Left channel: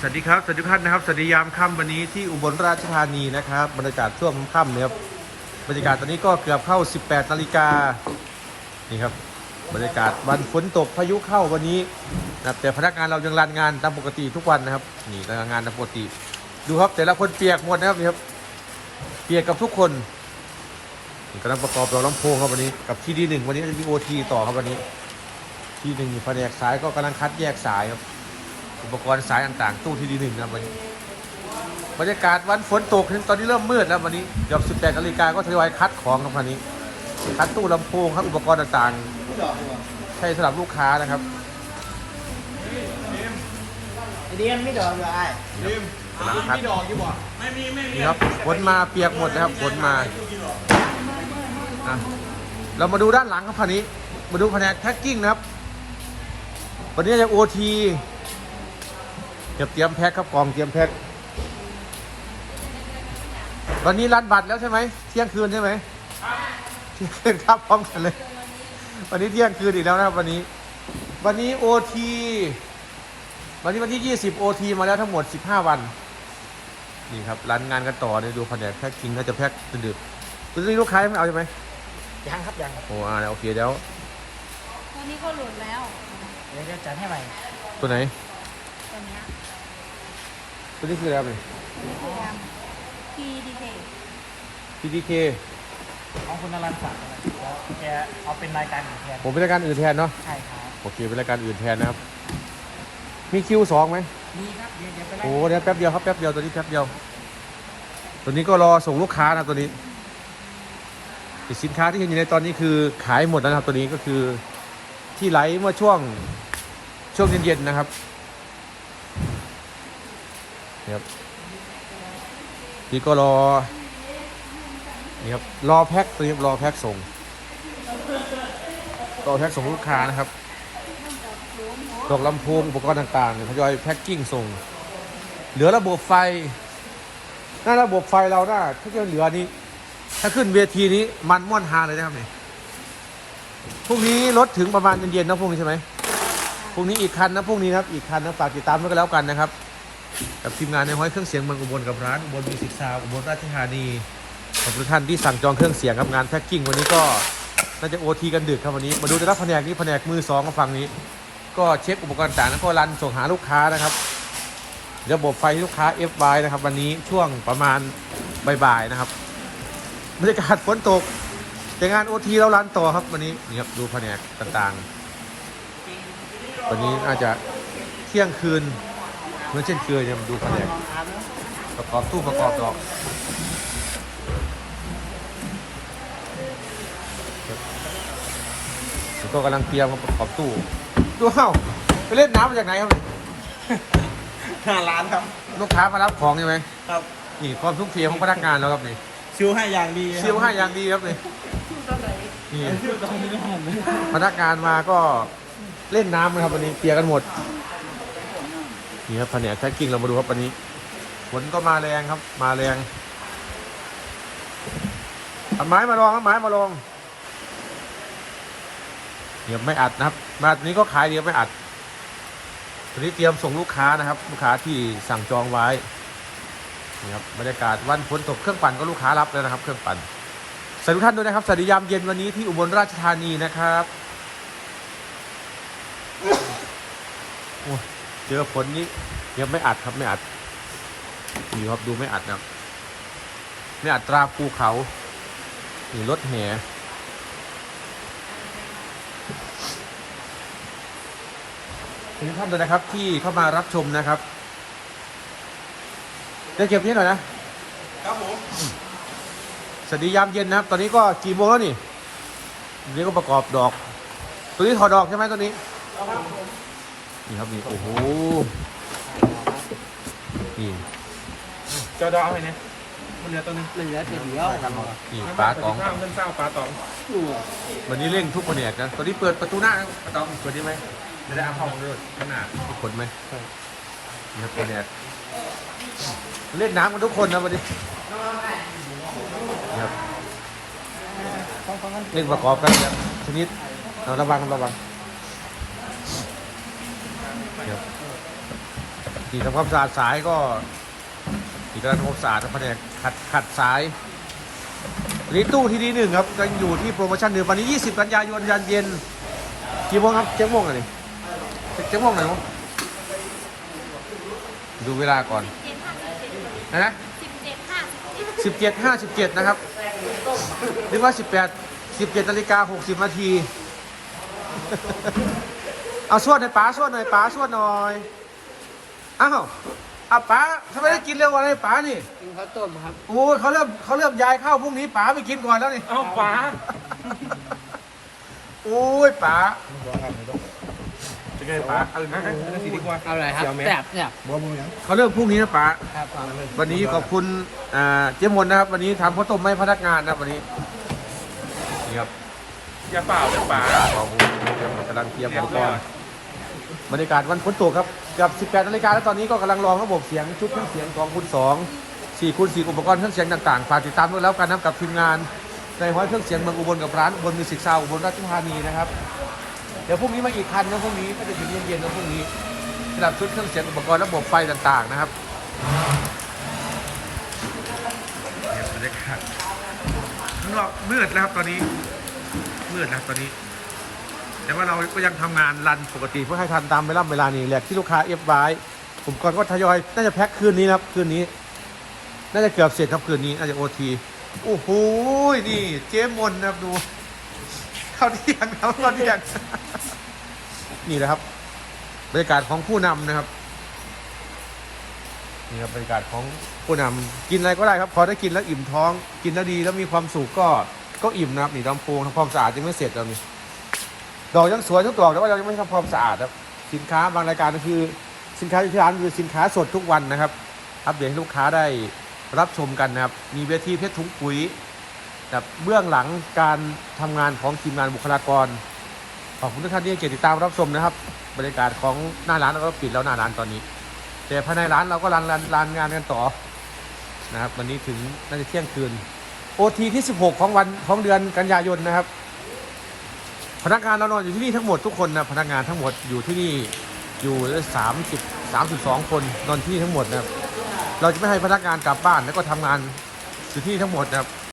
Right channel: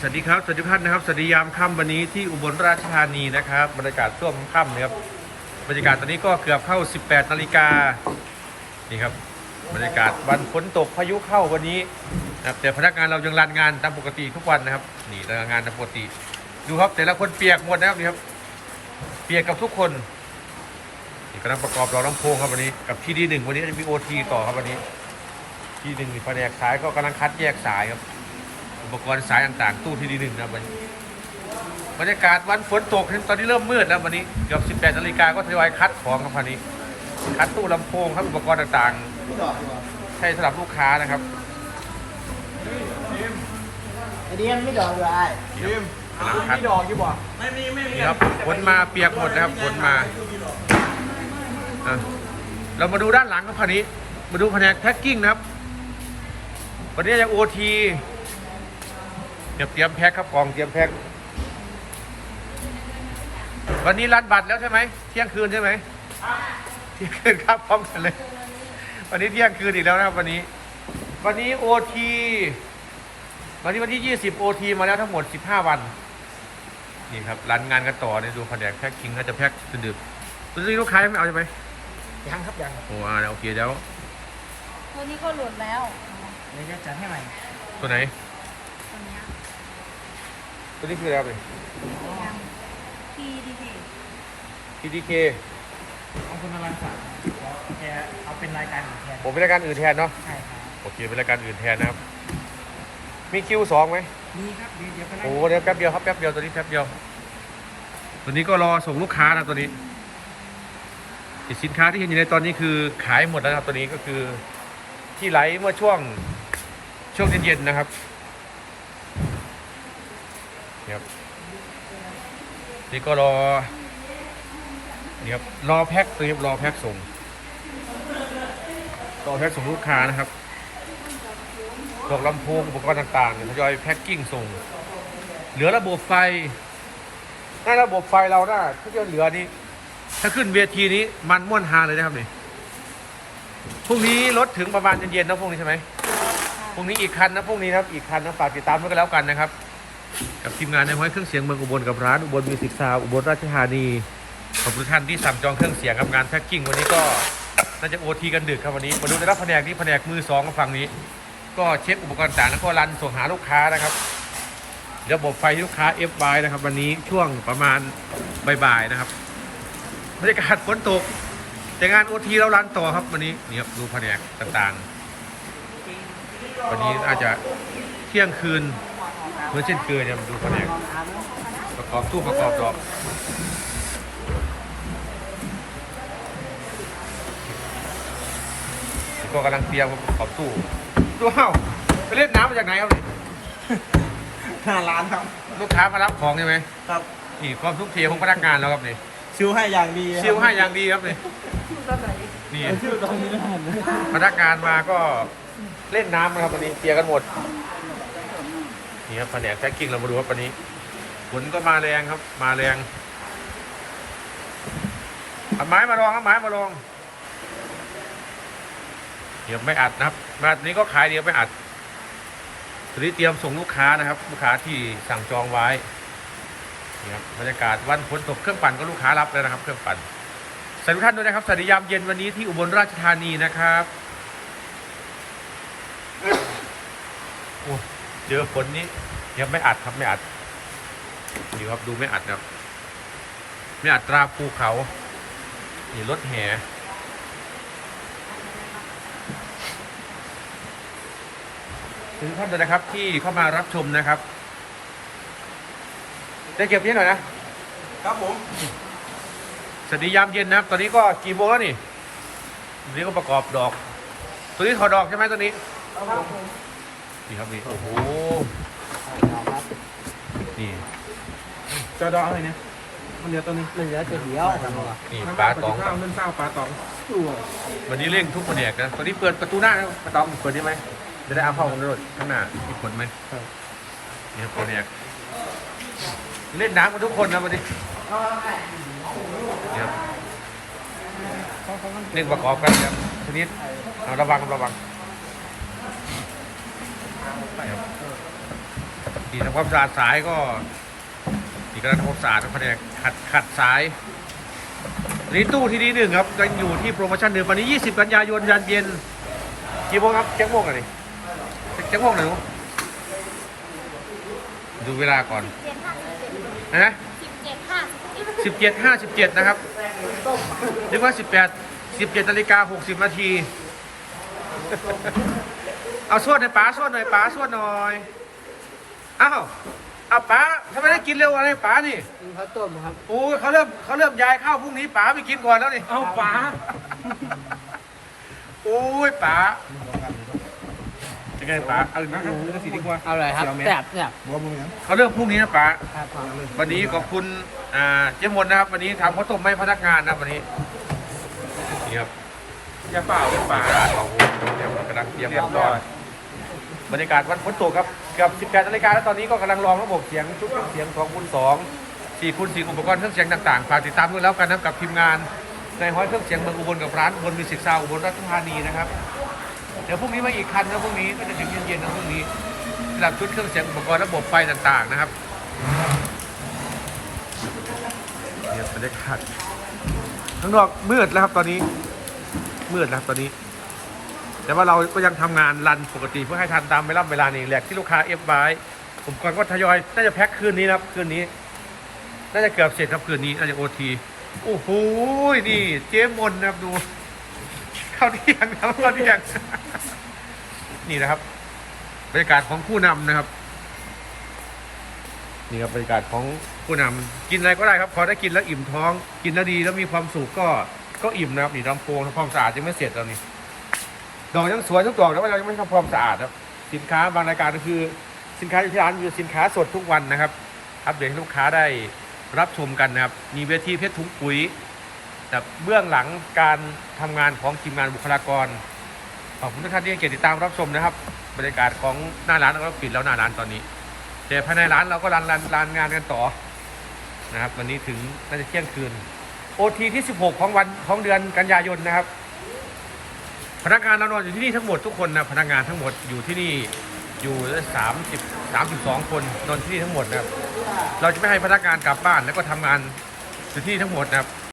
สวัสดีครับสวัสดีท่านนะครับสวัสดียามค่ำวันนี้ที่อุบลราชธานีนะครับบรรยากาศช่วงค่ำนะครับบรรยากาศตอนนี้ก็เกือบเข้า 18นาฬิกานี่ครับบรรยากาศวันฝนตกพายุเข้าวันนี้นะครับแต่พนักงานเรายังรันงานตามปกติทุกวันนะครับ นี่รันงานตามปกติ ดูครับแต่ละคนเปียกหมดนะครับนี่ครับเปียกกับทุกคนนี่กำลังประกอบรอลำโพงครับวันนี้กับที่ดีหนึ่งวันนี้จะมีโอทีต่อครับวันนี้ ที่หนึ่งแผนกสายก็กำลังคัดแยกสายครับ อุปกรณ์สายต่างๆ ตู้ที่ดีหนึ่งนะวันนี้บรรยากาศวันฝนตกตอนนี้เริ่มมืดแล้ววันนี้เกือบ18นาฬิกาก็ทยอยคัดของครับวันนี้ คัดตู้ลำโพงครับอุปกรณ์ต่างๆ ใช้สำหรับลูกค้านะครับไอเดียนไม่ดอกเลยไอ้ดิมมีดอกอยู่บ่ไม่มีไม่มีครับฝนมาเปียกหมดนะครับฝนมาอะเรามาดูด้านหลังครับคันนี้ มาดูแผนกแพ็คกิ้งนะครับ วันนี้จะโอที เตรียมเตรียมแพ็คครับกล่องเตรียมแพ็ควันนี้รันบัตรแล้วใช่ไหมเที่ยงคืนใช่ไหมเที่ยงคืนครับพร้อมกันเลย วันนี้เที่ยงคืนอีกแล้วนะครับวันนี้ วันนี้โอทีวันนี้วันที่ 20 OT มาแล้วทั้งหมด 15 วัน นี่ครับรันงานกันต่อเนี่ยดูแผนกแพ็คกิ้งน่าจะแพ็คจนดึกคุณซื้อลูกค้ายังไม่เอาใช่ไหมยังครับยังโอ้อ่าโอเคแล้วตัวนี้ก็หลุดแล้วเดี๋ยวจะจัดให้ใหม่ตัวไหนตรงเนี้ย ตัวนี้คืออะไรพีดีเค PTK เอาคุณนรันสั่งแกเอาเป็นรายการของแกผมเป็นรายการอื่นแทนเนาะใช่ครับโอเคเป็นรายการอื่นแทนนะครับ มีคิวสองไหมมีครับเดี๋ยวเดี๋ยวไปไล่โอ้เดี๋ยวแป๊บเดียวครับแป๊บเดียวตัวนี้แป๊บเดียว ตัวนี้ก็รอส่งลูกค้านะตัวนี้ไอ้สินค้าที่เห็นอยู่ในตอนนี้คือขายหมดนะครับตัวนี้ก็คือที่ไลฟ์เมื่อช่วงช่วงเย็นๆนะครับ นี่ยนี่ก็รอนี่ครับรอแพ็คตัวนี้รอแพ็คส่งรอแพ็คส่งลูกค้านะครับตกลำโพงอุปกรณ์ต่างๆทยอยแพ็คกิ้งส่ง เหลือระบบไฟ ในระบบไฟเราน่ะที่จะเหลือนี้ ถ้าขึ้นเวทีนี้มันม่วนฮาเลยนะครับเนี่ยพรุ่งนี้รถถึงประมาณเย็นๆนะพรุ่งนี้ใช่ไหมพรุ่งนี้อีกคันนะพรุ่งนี้นะอีกคันนะฝากติดตามด้วยกันแล้วกันนะครับ กับทีมงานในห้อยเครื่องเสียงเมืองอุบลกับร้านอุบลมิวสิกซาวอุบลราชธานีขอบคุณท่านที่สั่งจองเครื่องเสียงกับงานแพ็คกิ้งวันนี้ก็น่าจะโอทีกันดึกครับวันนี้มาดูในรับแผนกนี้แผนกมือสองของฝั่งนี้ ก็เช็คอุปกรณ์ต่างแล้วก็รันส่งหาลูกค้านะครับ ระบบไฟลูกค้า FY นะครับ วันนี้ช่วงประมาณบ่ายๆนะครับบรรยากาศฝนตก แต่งานโอทีเรารันต่อครับวันนี้นี่ครับดูแผนกต่างๆ วันนี้อาจจะเที่ยงคืน เหมือนเช่นเคยเนี่ยมาดูแผนกนอนอาบแล้วประกอบตู้ประกอบดอกตัวกำลังเตรียมประกอบตู้ดูเอ้าไปเล่นน้ำมาจากไหนครับห้าล้านครับ ลูกค้ามารับของใช่ไหมครับนี่ความทุ่มเทของพนักงานเราครับนี่ชิวให้อย่างดีครับเชี่ยวให้อย่างดีครับนี่นี่ชิวตอนนี้นะพนักงานมาก็เล่นน้ำนะครับวันนี้เคลียร์กันหมด นี่ครับแผนกแพ็คกิ้งเรามาดูครับวันนี้ฝนก็มาแรงครับ มาแรงเอาไม้มาลองเอาไม้มาลองเนี่ยไม่อัดนะครับ มาตัวนี้ก็ขายเดียวไม่อัดตัวนี้เตรียมส่งลูกค้านะครับ ลูกค้าที่สั่งจองไว้นี่ครับบรรยากาศวันฝนตกเครื่องปั่นก็ลูกค้ารับแล้วนะครับ เครื่องปั่นสวัสดีท่านด้วยนะครับสวัสดียามเย็นวันนี้ที่อุบลราชธานีนะครับโอ้ เจอฝนนี้ยังไม่อัดครับไม่อัดอยู่ครับดูไม่อัดนะครับไม่อัดตราภูเขานี่รถแห่ทุกท่านด้วยนะครับที่เข้ามารับชมนะครับได้เก็บนี้หน่อยนะครับผมสวัสดียามเย็นนะครับ ตอนนี้ก็กี่โมงแล้วนี่ตอนนี้ก็ประกอบดอก ตัวนี้ถอดดอกใช่ไหมตัวนี้ครับผม นี่ครับนี่โอ้โหนี่จะดองอะไรนะมันเหลือตัวนึงเหลือจะเดียวกันหรอนี่มันปลาตตอองงข้าวมันเศร้าปลาตองตัววันนี้เร่งทุกแผนกนะตัวนี้เปิดประตูหน้านะปลาตองเปิดได้ไหมจะได้เอาเข้าของรถข้างหน้ามีผลไหมนี่ครับแผนกเล่นน้ำกันทุกคนนะวันนี้นี่ครับเร่งประกอบกันเนี่ยชนิดเราระวังระวัง ดีนี่ทำความสะอาดสายก็นี่กำลังทำความสะอาดแผนกขัดขัดสายนี่ตู้ที่ดีหนึ่งครับยังอยู่ที่โปรโมชั่นเดิมวันนี้ 20 กันยายนยันเย็นกี่โมงครับเจ็ดโมงกันดิเจ็ดโมงหน่อยลูกดูเวลาก่อนนะสิบเจ็ดห้าสิบสิบเจ็ดห้าสิบเจ็ดนะครับนึกว่าสิบแปดสิบเจ็ดนาฬิกาหกสิบนาที เอาสวดหน่อยป๋าสวดหน่อยป๋าสวดหน่อยอ้าวเอาป๋าทำไมได้กินเร็วอะไรป๋านี่กินข้าวต้มครับโอ้ยเขาเริ่มเขาเริ่มย้ายเข้าพรุ่งนี้ป๋าไปกินก่อนแล้วนี่เอาป๋าโอ้ยป๋าเป็นไงป๋าเอาอีกนะนั่นสิดีกว่าอร่อยครับแซ่บแซ่บเขาเริ่มพรุ่งนี้นะป๋าครับผมวันนี้ขอบคุณอ่าเจ๊มนนะครับ วันนี้ทำข้าวต้มให้พนักงานนะวันนี้นี่ครับอย่าเปล่าเป็นป๋ากำลังเตรียมเรียบร้อย บรรยากาศมันฝนตกครับกับ 18นาฬิกาแล้วตอนนี้ก็กำลังลองระบบเสียงชุดเครื่องเสียง2คูณ2 4คูณ4อุปกรณ์เครื่องเสียงต่างๆฝากติดตามด้วยแล้วกันนะครับกับทีมงานในห้อยเครื่องเสียงเมืองอุบลกับร้านอุบลมิวสิกซาวอุบลราชธานีนะครับเดี๋ยวพรุ่งนี้มาอีกคันนะพรุ่งนี้ก็จะถึงเย็นๆนะพรุ่งนี้สำหรับชุดเครื่องเสียงอุปกรณ์ระบบไฟต่างๆนะครับเนี่ยบรรยากาศข้างนอกมืดแล้วครับตอนนี้มืดแล้วตอนนี้ แต่ว่าเราก็ยังทำงานรันปกติเพื่อให้ทันตามเวลาเวลานี้แหละที่ลูกค้าเอฟไว้อุปกรณ์ก็ทยอยน่าจะแพ็คคืนนี้ครับคืนนี้ น่าจะเกือบเสร็จครับคืนนี้น่าจะโอทีโอ้โหนี่เจ๊มนนะครับดูเข้าวเที่ยงครับเข้าวเที่ยงนี่นะครับ บรรยากาศของผู้นำนะครับ นี่ครับบรรยากาศของผู้นำกินอะไรก็ได้ครับพอได้กินแล้วอิ่มท้อง กินแล้วดีแล้วมีความสุขก็ก็อิ่มนะครับนี่ลำโพงทำความสะอาดยังไม่เสร็จแล้วนี่ ดอกยังสวยทุกดอกแต่ว่ายังไม่ทำความสะอาดครับ สินค้าบางรายการก็คือ สินค้าที่ร้านคือสินค้าสดทุกวันนะครับอัปเดตให้ลูกค้าได้รับชมกันนะครับ มีเวทีเพชรถุงปุ๋ยแบบเบื้องหลังการทำงานของทีมงานบุคลากร ขอบคุณทุกท่านที่เกียรติติดตามรับชมนะครับ บรรยากาศของหน้าร้านเราก็ปิดแล้วหน้าร้านตอนนี้ แต่ภายในร้านเราก็รันรันรันงานกันต่อนะครับวันนี้ถึงน่าจะเที่ยงคืนโอทีที่ 16 ของวันของเดือนกันยายนนะครับ พนักงานเรานอนอยู่ที่นี่ทั้งหมดทุกคนนะพนักงานทั้งหมดอยู่ที่นี่อยู่ละสามสิบสามสิบสองคนนอนที่นี่ทั้งหมดนะครับเราจะไม่ให้พนักงานกลับบ้านแล้วก็ทำงานอยู่ที่นี่ทั้งหมดนะครับ